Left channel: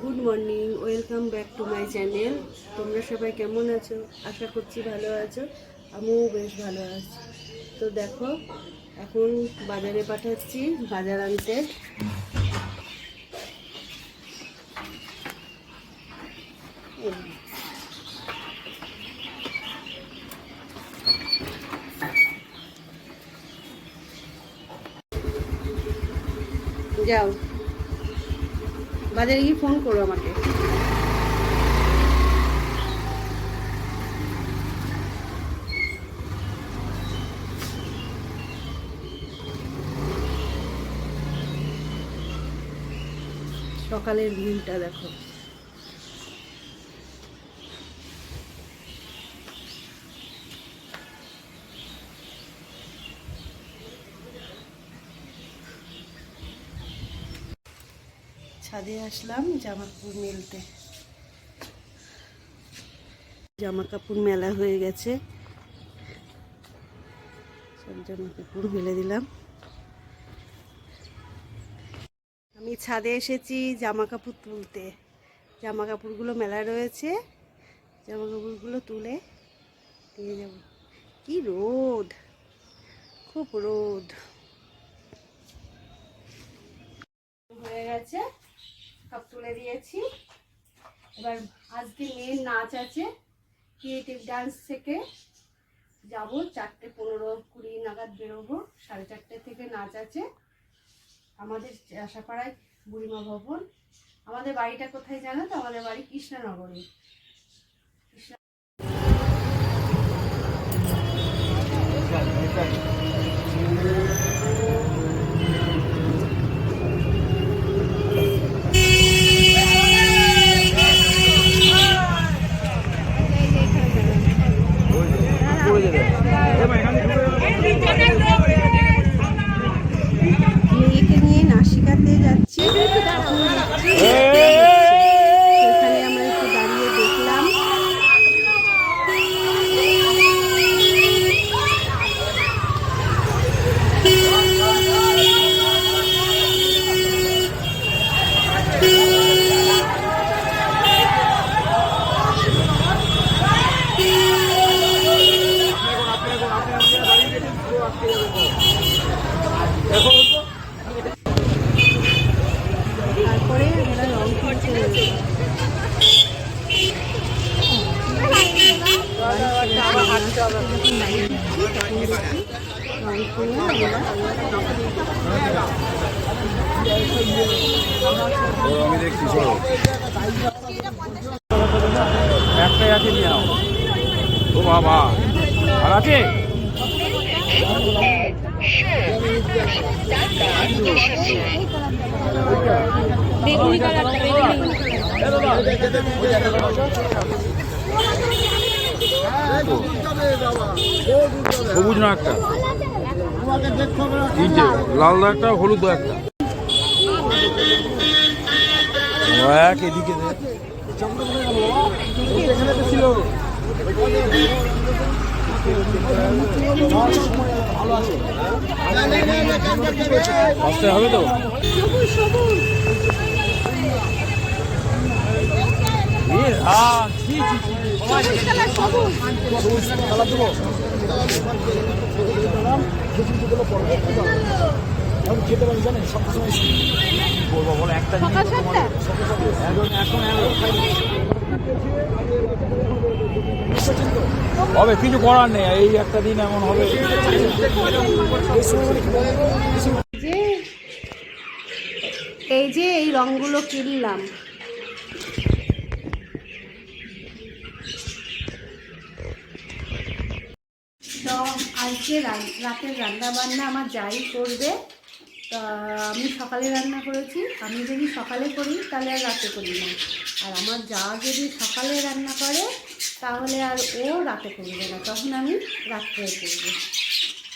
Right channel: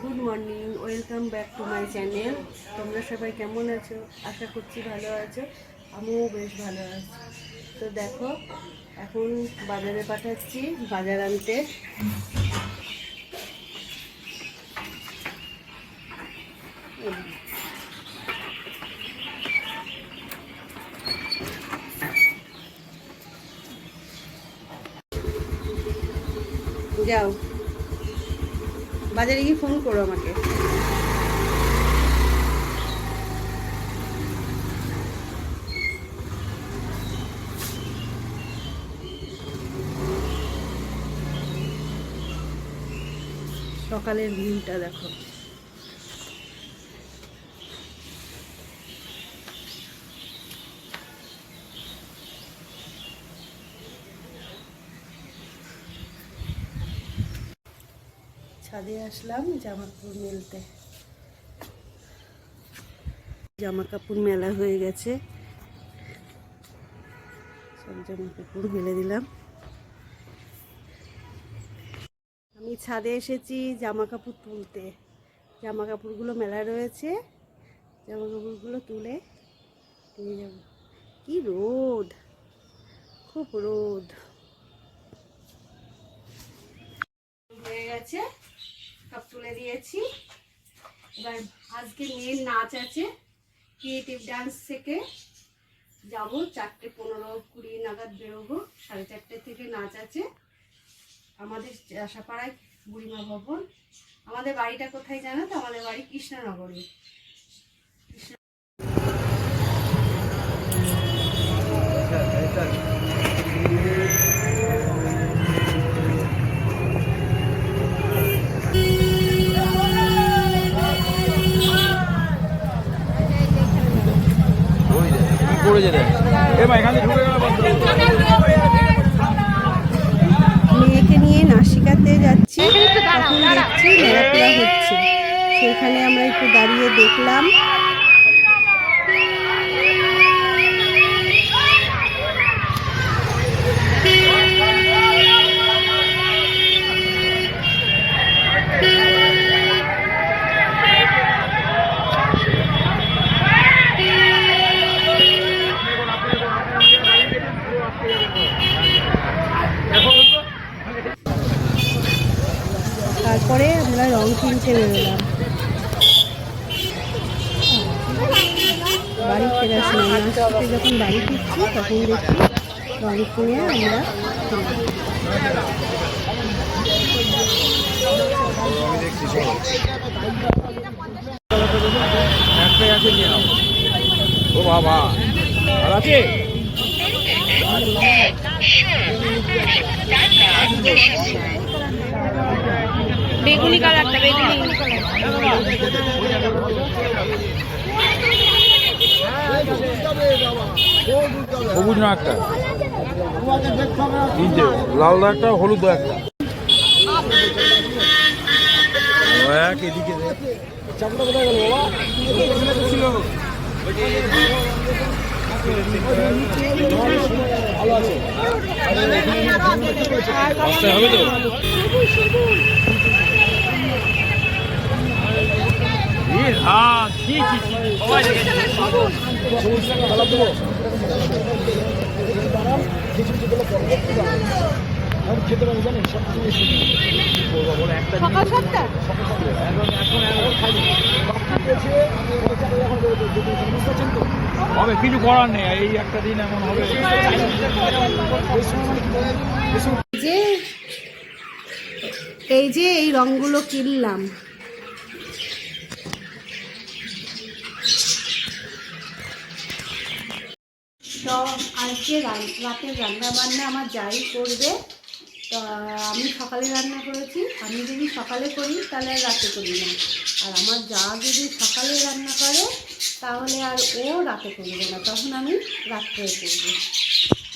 Good morning, welcome back to my channel. তোমরা সবাই কেমন আছো? আশা করছি ভালো আছো। আমিও বেশ ভালো আছি। তো দেখো, এখন বাজারে পাঠাচ্ছি বাজার আনতে। যাও বাজারে গিয়ে ফোন করো আমাকে। সকালের ভিউটা দেখো। ছাদে আসলাম জামা কাপড় মেলতে। জামা কাপড় মেলা হয়ে গেছে, সব জামা কাপড় মেলে দিলাম। আমি ছাদে এসেছি জামা কাপড় তুলতে। জামা কাপড়গুলো মেলা রয়েছে, জামা কাপড়গুলো তুলে দিয়ে যাব। কি রোদ, খুব রোদ হয়ে গেছে, সব তুলে দিয়েছি। এবার আজকে মেয়ের নাচ আছে, ক্রিয়েটিভ ডান্স থেকে যাব। 4:15-20 নাগাদ বেরোবো। 4:30 থেকে নাচ আছে আমাদের আশাপাড়ায় বুড়িমা ভবন। আমাদের বাড়িটা কোথায় জানো তো? আমাদের বাড়ি কৃষ্ণনগরে। মেয়েকে নিয়ে নাসিকাতে যাচ্ছি, সেখানে আমরা একটু দাঁড়িয়ে দেখলাম। তারপরে আমরা রং কিনতে বেরোলাম। বাড়ি ফেরার যখন বাড়ি ফিরছি তখন দেখি রং কিনে আমরা বেগুনি কালারটা, বেগুনি সবুজ না একটা, তিনটে লাল একটা, হলুদ একটা, এক এদিকে ছিল। হবে তো সকাল 7টা। হবে, কিছু করার নেই, এই একটা দিন এমন হবে। এই যে এই রংগুলো কিনলাম। তো আজকে রাতের রান্না বান্না আমার যাই করবে। তা আমি সকালে রান্না করেছি, আমি যদি সকালে করি তাহলে আর রাতে করি না। আর আমার যা যদি সকালে রান্না করে তাহলে আর ও রাতে করবে না, তখন আমি রাত্রে করবো।